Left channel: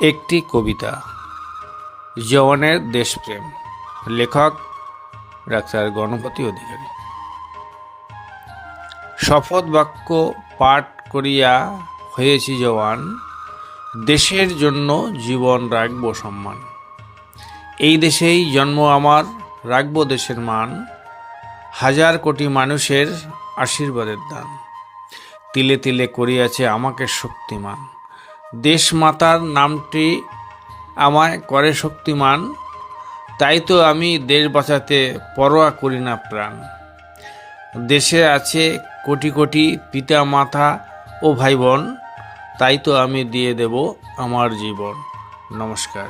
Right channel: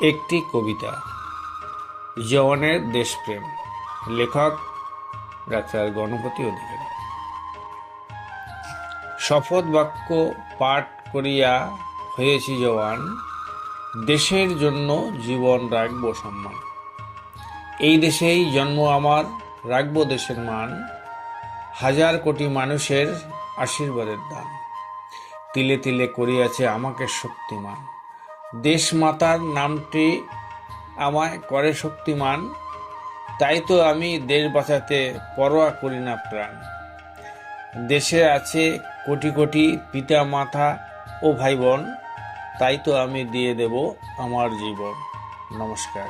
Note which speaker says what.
Speaker 1: একটি কবিতা। জওয়ানের দেশপ্রেম। লেখক ডাক্তার গণপতি অধিকারী। শপথ বাক্য পাঠ করিয়া হয়েছি জওয়ান, দেশের জন্য জীবন রাখব সম্মান। এই দেশেই জন্ম আমার, রাখব দেশের মান। হাজার কোটি মানুষের আশীর্বাদের দান। তিলে তিলে করিয়াছে আমাকে শক্তিমান। দেশমাতার নামটি আমায় করে শক্তিমান, তাই তো আমি দেশ বাঁচাতে পরোয়া করি না প্রাণ। দেশে আছে কোটি কোটি পিতা মাতা ও ভাই বোন তাই তো আমি দিয়ে দেব আমার জীবন। নমস্কার।